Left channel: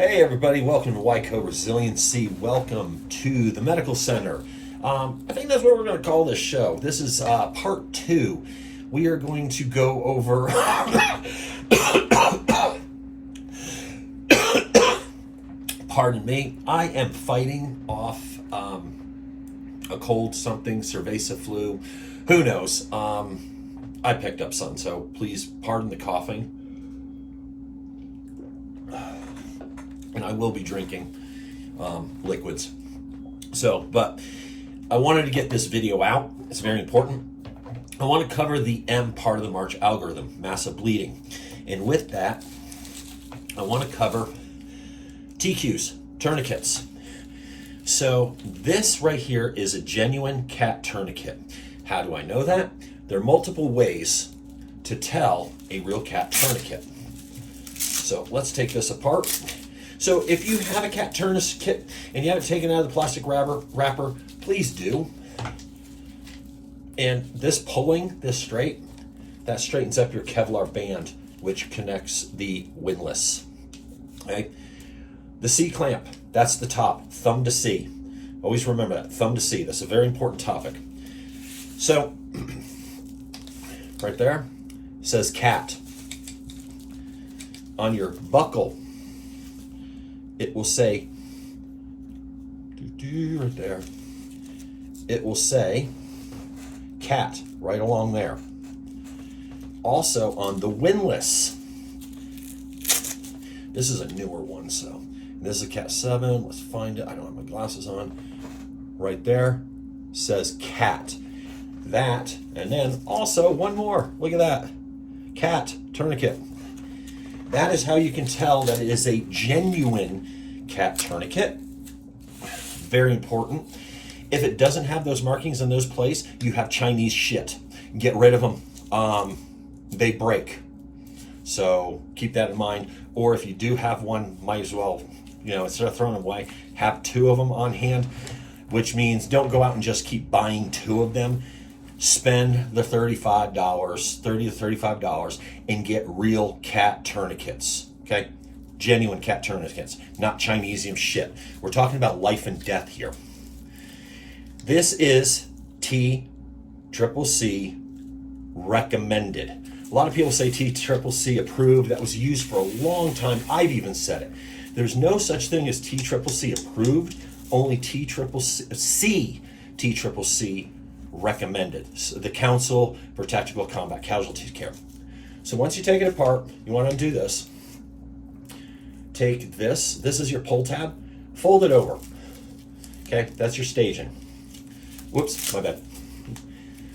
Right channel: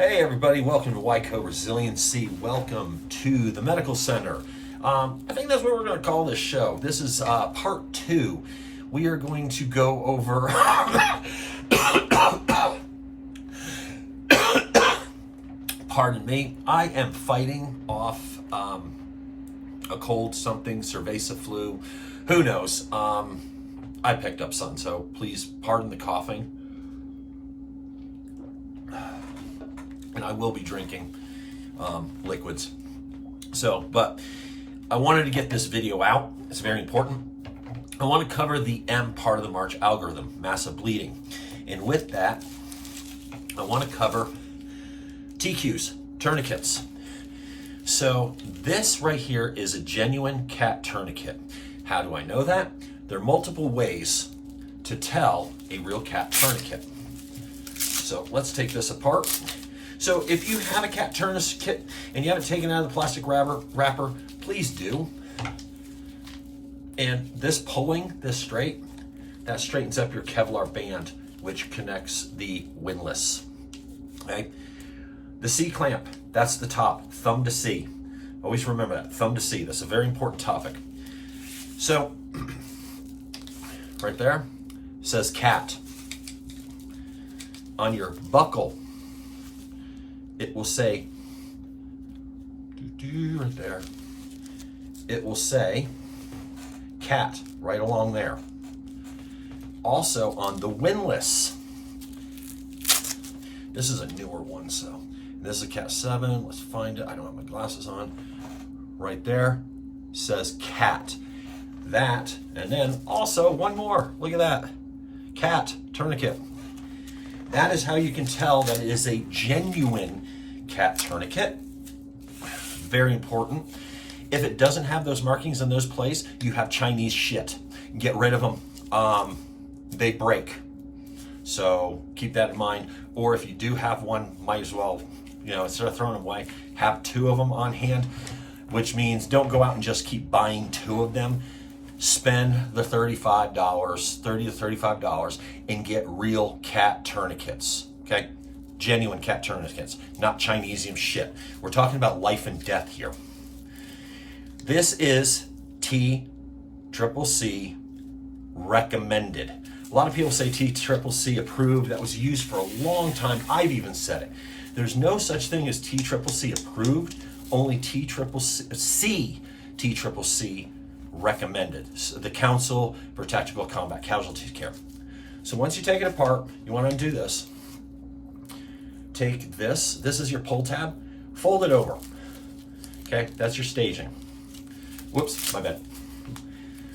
Hey everybody, welcome to YCO Resiliency. Welcome to the medical center. I think that's what we're going to call this show. This is part 2. We are going to go over pardon me, I am fighting off a cold, something, cerveza flu, who knows. I picked up something, so please pardon the coughing. And I will be drinking liquids. But I wanted to get this video out. It's very important. I want to cover the M part of the M.A.R.C.H algorithm, massive bleeding. And with that, I want to cover TQs, tourniquets. So this right here is a genuine C.A.T tourniquet. How do I know that? There are multiple ways to tell a real C.A.T tourniquet. So let's take this apart. So if you have a C.A.T tourniquet and you haven't taken it out of the plastic wrapper, please do. And this pulling this straight, that straightens up your Kevlar band, which connects the windlass. Okay. The C clamp, that's the top, thumb to C. Always remember that, thumb to C. That's a very important topic. So right there says C.A.T. On your buckle, it will say, right there, it will say C.A.T. right along there. Also on the windlass, this is a newer one, so this is a C.A.T 7. Let's find it. I don't have my glasses on. Right there says C.A.T. That, and then also one more. Look at that. C.A.T tourniquet. That is how you can tell that it is a genuine C.A.T tourniquet. Very important. If it doesn't have those markings in those places, you have Chinese shit. Get rid of them. They break. So keep that in mind. Or if you do have one, might as well, instead of throwing them away, have 2 of them on hand, which means don't go out and just keep buying 2 of them. Spend the $30 to $35 and get real C.A.T tourniquets, okay? Genuine C.A.T tourniquets, not Chinesium shit. We're talking about life and death here. This is C.C. recommended. A lot of people say C.C. approved. That was used for a long time. I've even said it. There's no such thing as C.C. approved, only C.C. recommended. So the Council for Tactical Combat Casualty Care. So once you take it apart, you want to undo this. Take this. This is your pull tab. Fold it over. Okay, that's your staging. Whoops, my bad.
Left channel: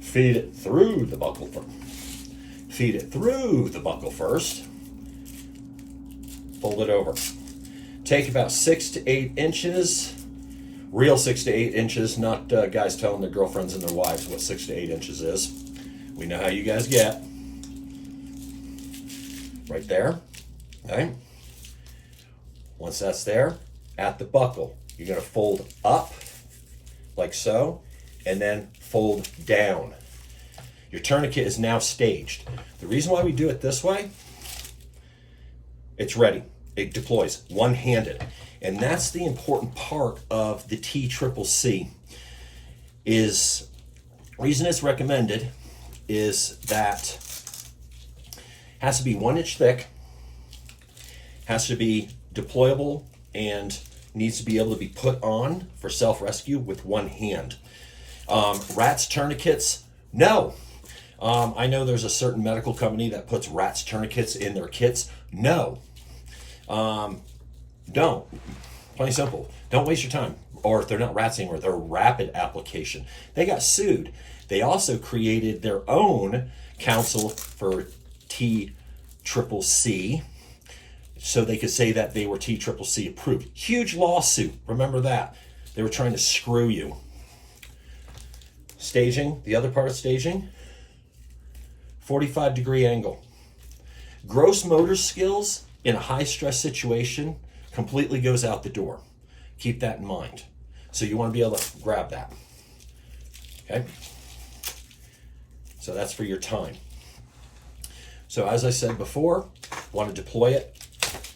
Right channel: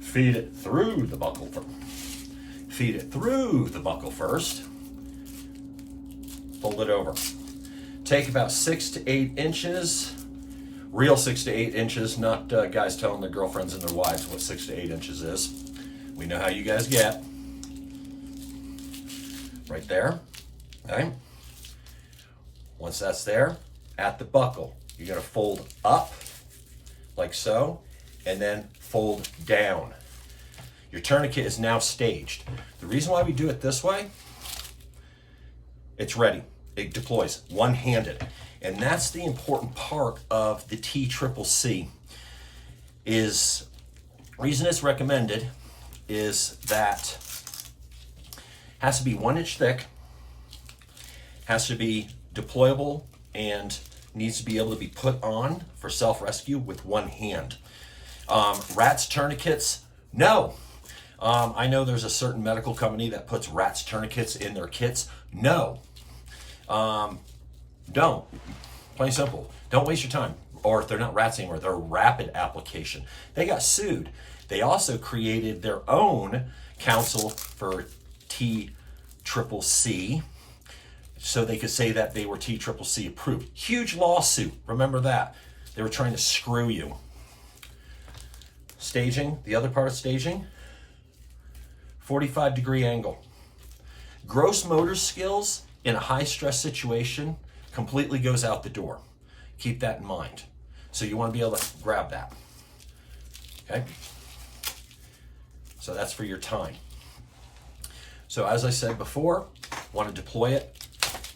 Feed it through the buckle first. Feed it through the buckle first. Fold it over. Take about 6 to 8 inches. Real 6 to 8 inches, not guys telling their girlfriends and their wives what 6 to 8 inches is. We know how you guys get. Right there, okay? Once that's there, at the buckle, you're gonna fold up, like so, and then fold down. Your tourniquet is now staged. The reason why we do it this way, it's ready. It deploys one-handed. And that's the important part of the C.C. is, reason it's recommended is that has to be 1 inch thick, has to be deployable, and needs to be able to be put on for self-rescue with one hand. Rats tourniquets, no. I know there's a certain medical company that puts rats tourniquets in their kits. No. Don't. Plain simple. Don't waste your time. Or if they're not rats anymore, they're rapid application. They got sued. They also created their own Council for C.C. so they could say that they were C.C. approved. Huge lawsuit. Remember that. They were trying to screw you. Staging, the other part of staging, 45-degree angle. Gross motor skills in a high-stress situation completely goes out the door. Keep that in mind. So you want to be able to grab that. Okay? So that's for your time. So as I said before, want to deploy it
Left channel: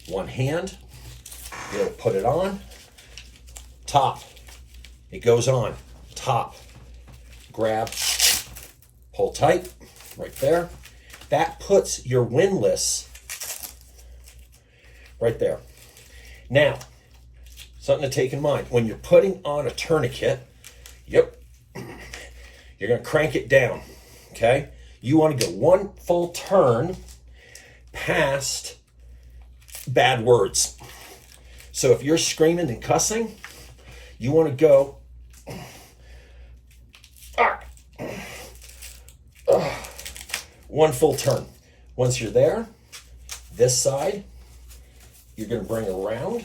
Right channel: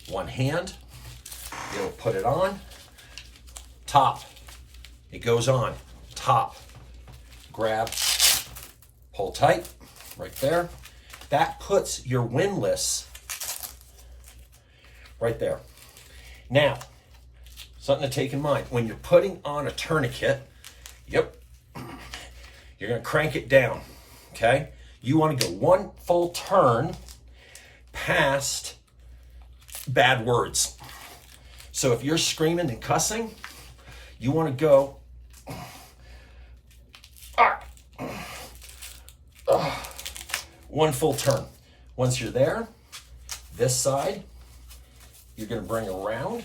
one hand. Be able to put it on, top, it goes on, top, grab, pull tight, right there. That puts your windlass right there. Now, something to take in mind, when you're putting on a tourniquet, yep, you're gonna crank it down, okay? You wanna go one full turn past bad words. So if you're screaming and cussing, you wanna go one full turn. Once you're there, this side, you're gonna bring around.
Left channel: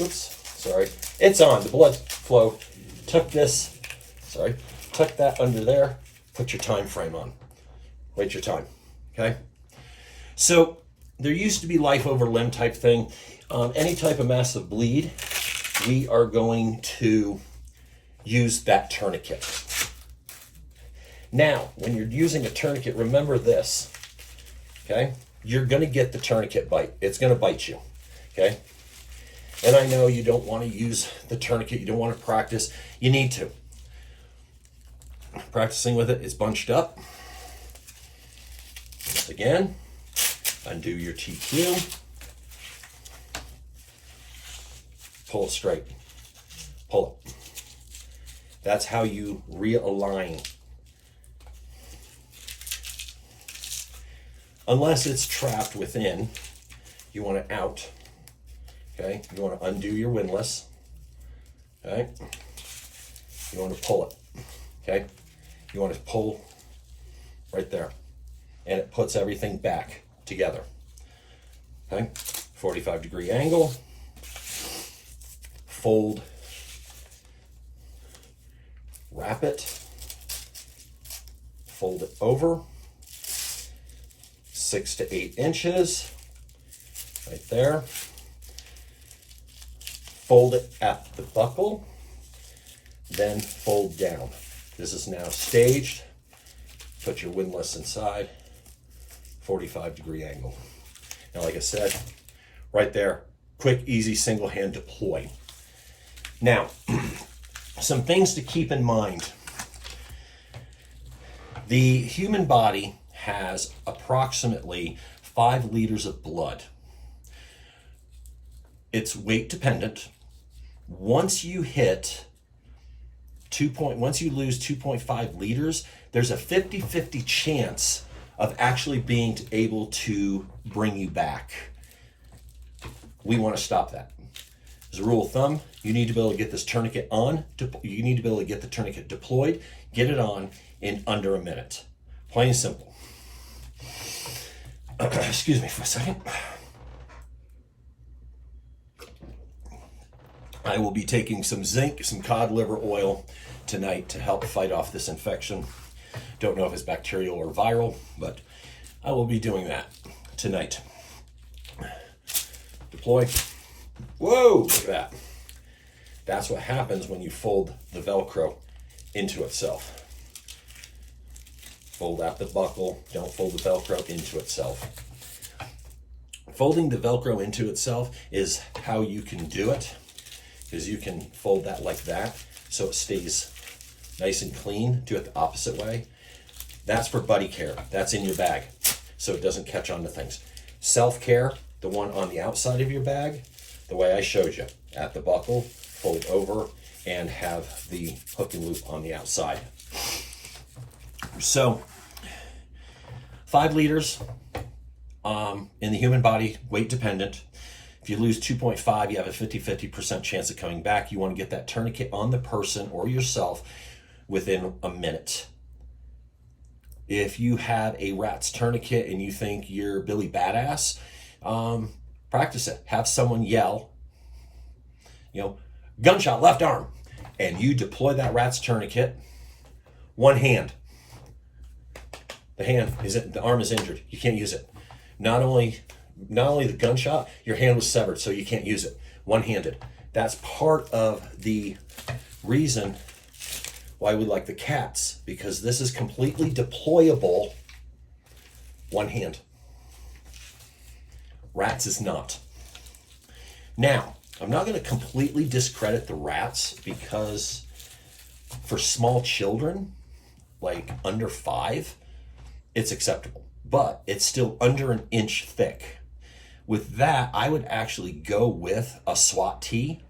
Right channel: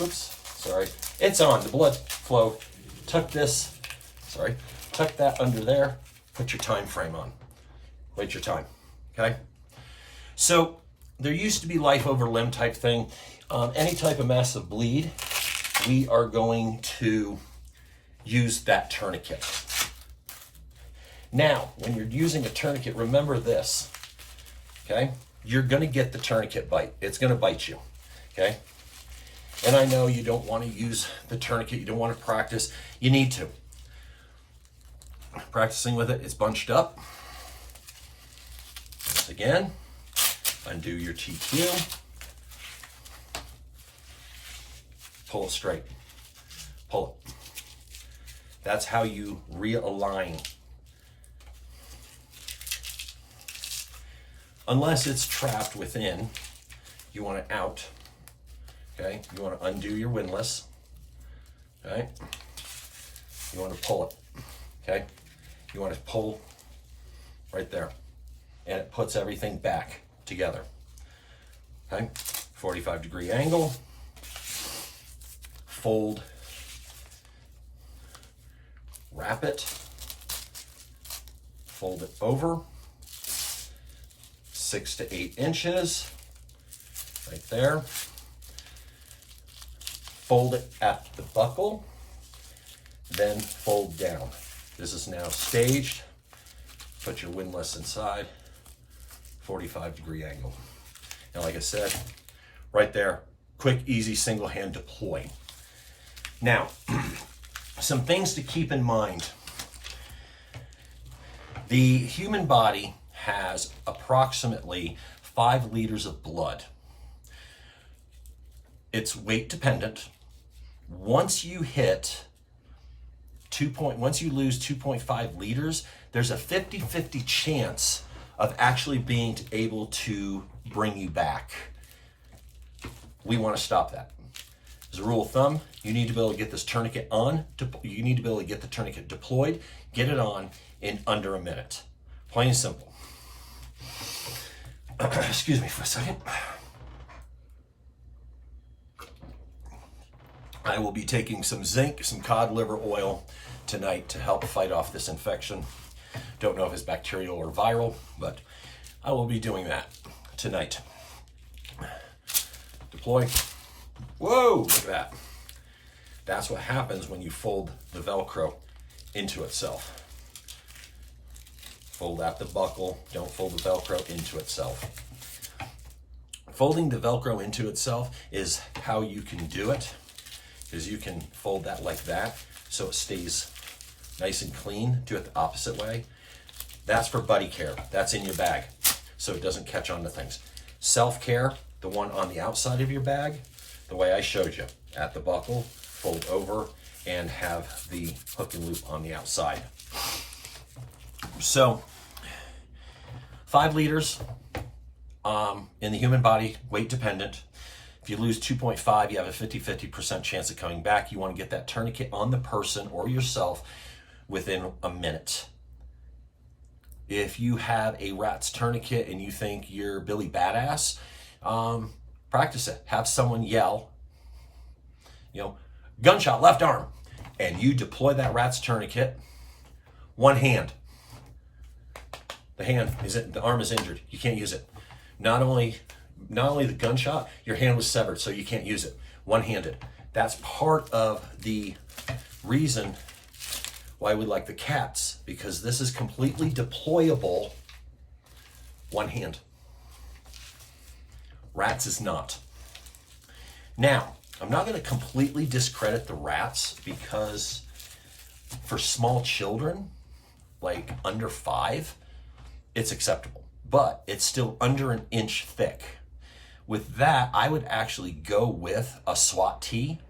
Oops, sorry. It's on, the blood flow. Tuck this, sorry, tuck that under there, put your time frame on. Wait your time, okay? So there used to be life over limb type thing. Any type of massive bleed, we are going to use that tourniquet. Now, when you're using a tourniquet, remember this, okay? You're gonna get the tourniquet bite. It's gonna bite you, okay? And I know you don't wanna use the tourniquet, you don't wanna practice. You need to. Practicing with it is bunched up. Once again, undo your TQ. Pull it straight, pull it. That's how you realign. Unless it's trapped within, you want it out, okay? You want to undo your windlass, okay? You want to pull it, okay? You want to pull right there, and it puts everything back together, okay? 45-degree angle, fold, wrap it, fold it over, 6 to 8 inches, right there. Fold it at the buckle, then fold down. This is now staged. Put your windlass inside, 45-degree angle. Now, like I said, right there, quick, easy, single hand deploy. Now, some things to keep in mind. The human body has approximately 5 liters of blood. It's weight dependent. Once you hit once you lose 2.5 liters, there's a 50-50 chance of actually being able to bring you back. We want to stop that. As a rule of thumb, you need to be able to get this tourniquet on. You need to be able to get the tourniquet deployed, get it on in under a minute. Plain and simple. Excuse me for a second. I will be taking some zinc, some cod liver oil tonight to help fight off this infection. Don't know if it's bacterial or viral, but I will be doing that tonight. Deploy. Whoa, look at that. That's what happens when you fold the Velcro into itself. Fold out the buckle, don't fold the Velcro into itself. Folding the Velcro into itself is how you can do it, because you can fold that like that so it stays nice and clean. Do it the opposite way. That's for buddy care. That's in your bag so it doesn't catch on to things. Self-care, the one on the outside of your bag, the way I showed you, at the buckle, fold over, and have the hook and loop on the outside. So 5 liters in the human body, weight dependent. If you lose 2.5, you have a 50% chance of coming back. You want to get that tourniquet on the person or yourself within a minute. If you have a rat's tourniquet and you think you're Billy Badass, practice it. Have someone yell, gunshot, left arm, and you deploy that rat's tourniquet, one hand. The arm is injured. You can't use it. Not only the gunshot, your hand was severed, so you can't use it. One-handed. That's part of the reason why we like the C.A.Ts, because this is completely deployable one hand. Rats is not. Now, I'm not going to completely discredit the rats, because for small children, like under 5, it's acceptable, but it's still under an inch thick. With that, I would actually go with a SWAT tee,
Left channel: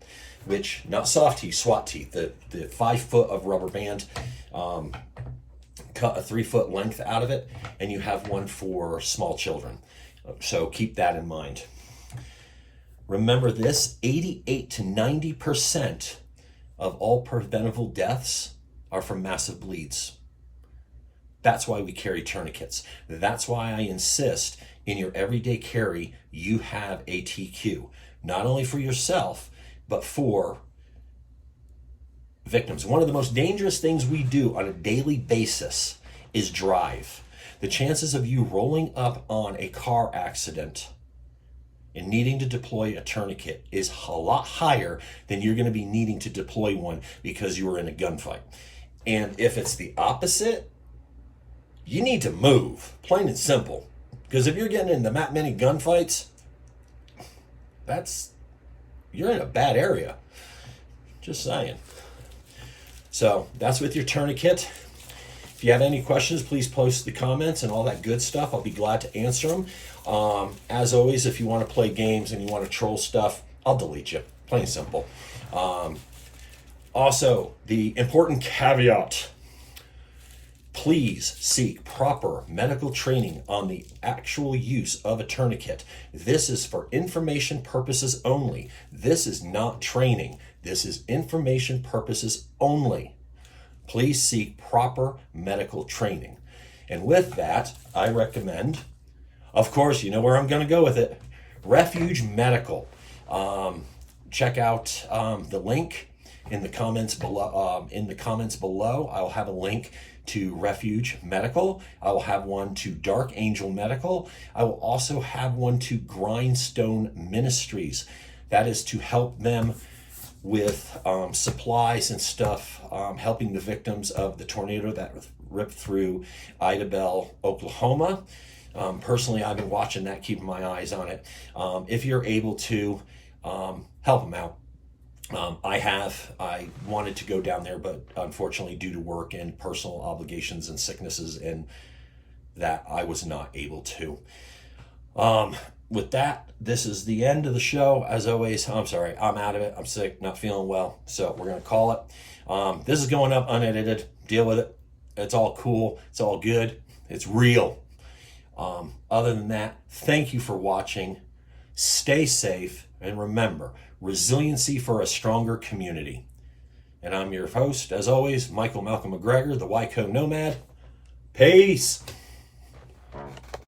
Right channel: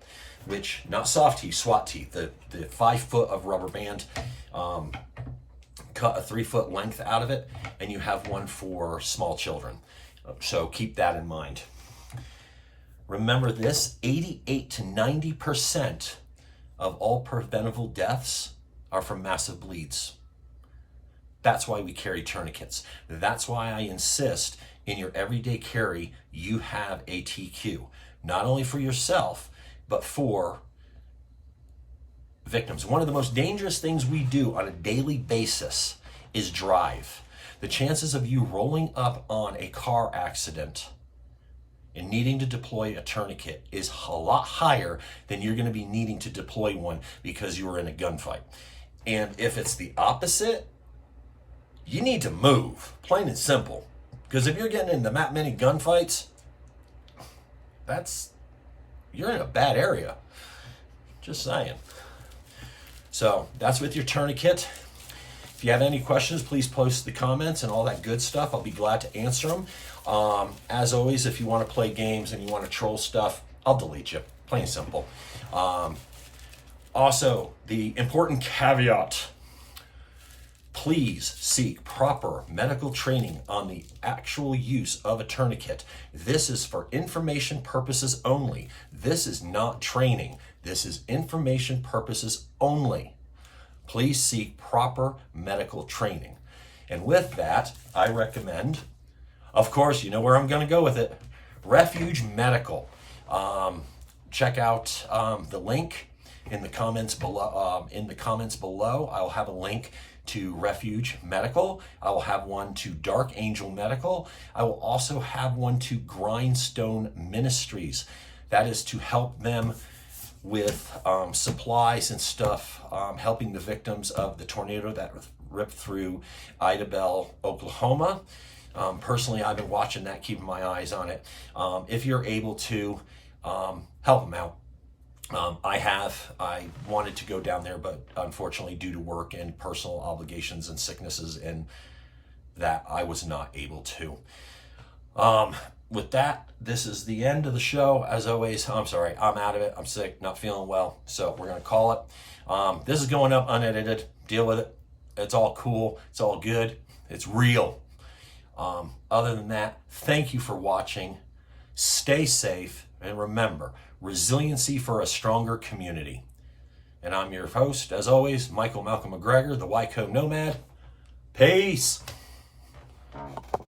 which, not soft tee, SWAT tee, the 5 foot of rubber band, cut a 3 foot length out of it, and you have one for small children. So keep that in mind. Remember this, 88 to 90% of all preventable deaths are from massive bleeds. That's why we carry tourniquets. That's why I insist in your everyday carry, you have a TQ, not only for yourself, but for victims. One of the most dangerous things we do on a daily basis is drive. The chances of you rolling up on a car accident and needing to deploy a tourniquet is a lot higher than you're going to be needing to deploy one because you were in a gunfight. And if it's the opposite, you need to move, plain and simple. Because if you're getting into that many gunfights, you're in a bad area. Just saying. So that's with your tourniquet. If you have any questions, please post the comments and all that good stuff. I'll be glad to answer them. As always, if you want to play games and you want to troll stuff, I'll delete you. Plain and simple. Also, the important caveat: please seek proper medical training on the actual use of a tourniquet. This is for information purposes only. This is not training. This is information purposes only. Please seek proper medical training. And with that, I recommend, of course, you know where I'm going to go with it, Refuge Medical. Check out the link in the comments below. I will have a link to Refuge Medical. I will have one to Dark Angel Medical. I will also have one to Grindstone Ministries. That is to help them with supplies and stuff, helping the victims of the tornado that ripped through Idabel, Oklahoma. Personally, I've been watching that, keeping my eyes on it. If you're able to help them out. I wanted to go down there, but unfortunately due to work and personal obligations and sicknesses and that, I was not able to. With that, this is the end of the show. As always, I'm sorry, I'm out of it. I'm sick, not feeling well. So we're going to call it. This is going up unedited. Deal with it. It's all cool. It's all good. It's real. Other than that, thank you for watching. Stay safe. And remember, resiliency for a stronger community. And I'm your host, as always, Michael Malcolm McGregor, the Wyco Nomad. Peace.